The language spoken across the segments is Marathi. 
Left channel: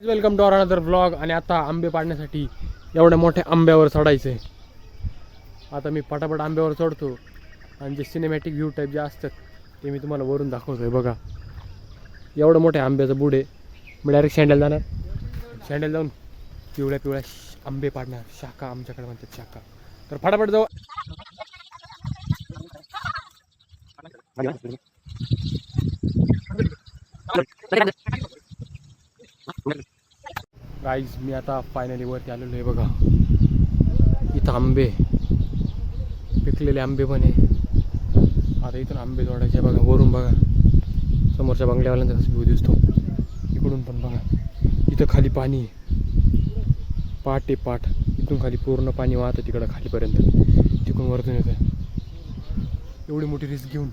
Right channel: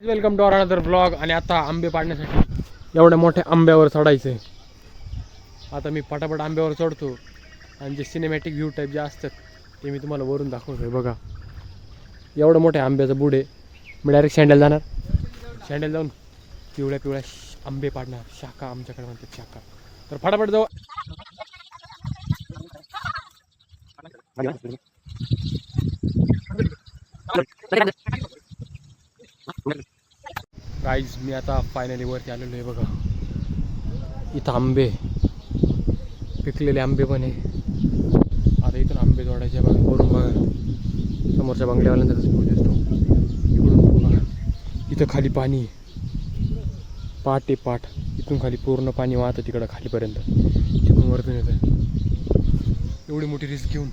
वेलकम टू अनदर ब्लॉग आणि आता आंबे पाडण्यासाठी एवढ्या मोठ्या आंब्यावर चढायचं आहे आता मी पटापट आंब्यावर चढतो आणि जे सिनेमॅटिक व्ह्यू टाईप जे असतात ते मी तुम्हाला वरून दाखवतो आहे बघा एवढं मोठ्या आंब्याचं बुड आहे. मी डायरेक्ट सँडल जाणार. सँडल जाऊन पिवळ्या पिवळ्या आंबे पाडणार. शाखा आमच्याकडे म्हणतात शाखा तर फटाफट जाऊ. गाईज मी आता फायनली वरती आलेलो आहे बघा. इथं आंबे. पिकलेले आंबे पण आहे. आता इथून आंबे तोडायचे बघा वरून बघा. समोरच्या बंगल्यावाल्यांचा कसं व्ह्यू दिसतो. इकडून पण बघा. इथं खाली पाणी पाठ पाट आहे पाट. इथून खाली पूर्ण पाणी वाहतं तिकडं खालीपर्यंत. तिकडून वरतून येतं एवढी मोठी रिस्क घेऊन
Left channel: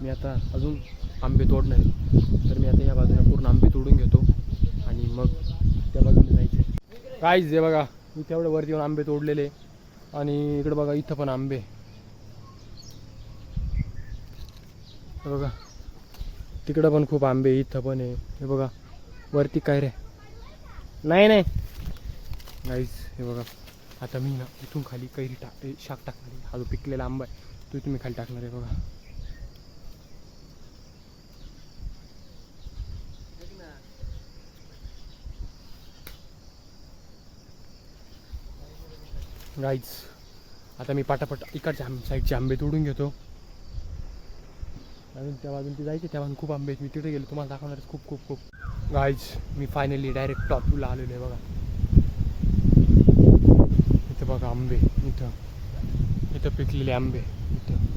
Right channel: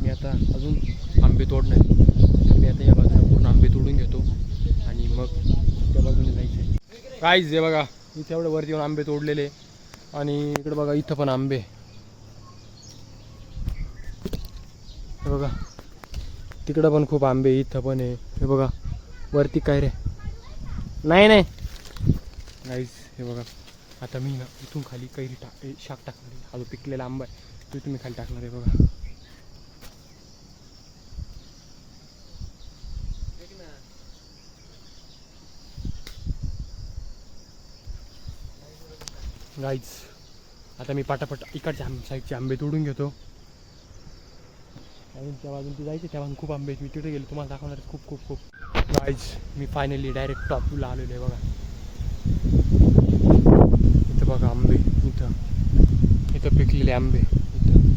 मी आता अजून आंबे तोडणार तर मी आता या बाजूला पूर्ण आंबे तोडून घेतो आणि मग त्या बाजूने जायचं काहीच आहे बघा. इथे एवढं वरती येऊन आंबे तोडलेले. आणि इकडे बघा इथं पण आंबे. हे बघा. तिकडं पण खूप आंबे इथं पण आहे. हे बघा. वरती काय रे? नाही नाही. नाहीच हे बघा. आता मी ना इथून खाली कैरी टाक शाक टाकणार आहे. हा जो पिकलेला आंबा आहे तो तुम्ही खाली टाकणार आहे बघा. गाईज आता मी पाटापट इकडच्या आंब साईडचे आंबे तोडून घेतो. अजून त्या बाजून ती जायचे त्या बाजून खूप आंबे मी तिथे गेलो तुम्हाला दाखवणार खूप खूप खूप. गाईज मी फायनली डायरेक्ट टॉपला आलेलो आहे बघा. इथं बघा आंबे इथं. इथं पिकलेले आंबे इथं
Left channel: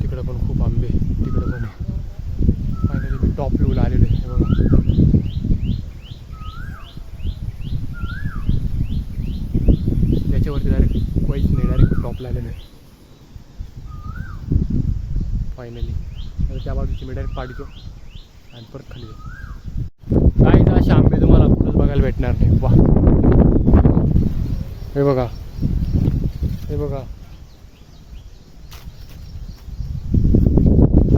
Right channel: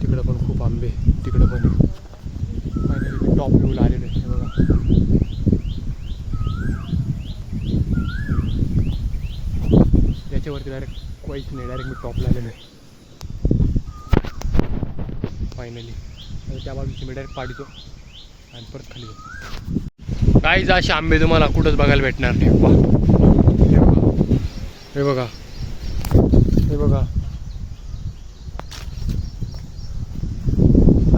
तिकडं पण खूप आंबे तिकडं पण. फायनली मी टॉप व्ह्यूला आलेलो आहे बघा. याच्यावरती डायरेक्ट काहीच नाही डायरेक्ट मी टॉपला आलेलो आहे. फायनली आता त्या बाजूची मी डायरेक्ट पाडीतो आणि परत खाली जातो काहीच असे आंबे तुम्हाला कुठंच बघायला भेटणार नाही. वा हे बघा. हे बघा.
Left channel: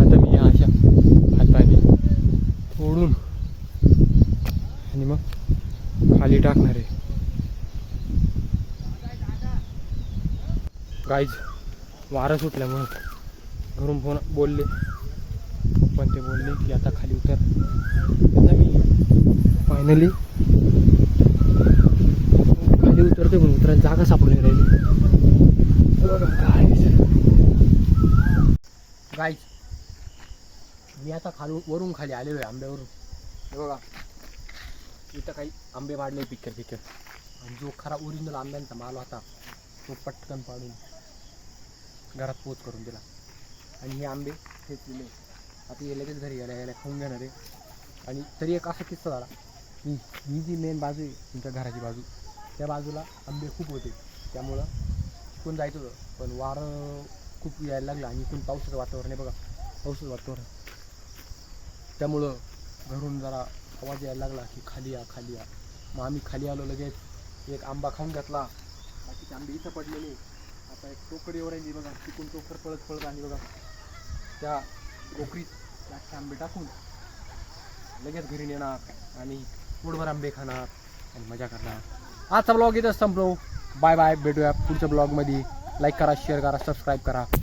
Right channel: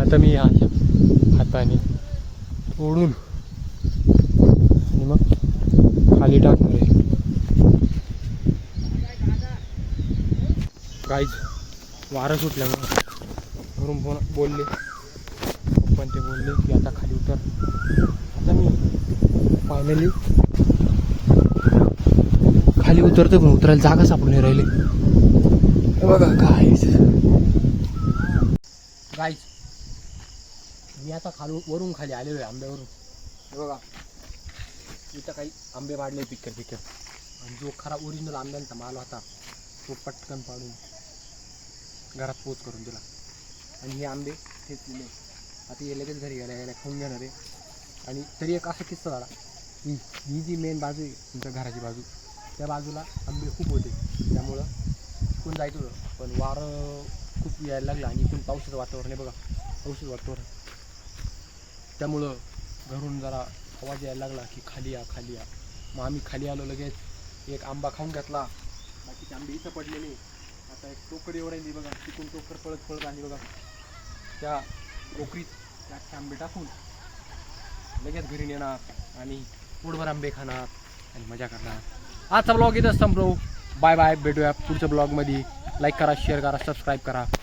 आता मी अशा हाताने ओढून आणि मग खाली टाकणार आहे. काहीच वारं सुटल्यामुळं घरून फोन बोलले. पण ते बोलले की आता खाली उतर. फायनली खाली उतरतो पण उतरायला जागा सापडून राहिले. राहिली बघा काय गाईज मी आता खाली वरून खाली आलेलो आहे आंब्यावरून. हे बघा. इथं काही आंबे वाढले पिक्कर पिक्कर आणि जो खरा ओरिजिनल आंब्यांचा माल होता तो पटकन पाडून. घरात पोच करून दिला. आणि हे आंबे ठेचलेले आता हे लगेच घरी गेल्या गेल्या खाऊन घेणार आहे. आणि तरी एक असा किस्सा झाला. की ही जी मेन बाजू आहे तुमच्या घराची बाजू त्या बाजूला आंबे खूप होते. त्यामुळं कोण जायचं होतं? पण वारं खूप यायला लागलं आणि इकडून पावसाचं वातावरण आहे बघा. पावसाचं वातावरण. त्यामुळं घरून जरा आवाज यायला लागला की खाली या खाली या. मग आम्ही खाली आलो लगेच. एक आंबा खाऊन घेतला. बाकीचे आंबे इथं पडलेले. आता एक टोकरी ओढायली बघा तिकून टोकर पळत पळत आली बघा. त्या टोकरीत त्या आंबे टाकून लगेच घरी नेणार आणि पोटभर आंबे खाणार आणि मजा करणार. आजचा ब्लॉग इथंच संपलो. बाय बाय भेटूया पुढच्या ब्लॉगमध्ये लाईक करा शेअर करा सबस्क्राईब करा.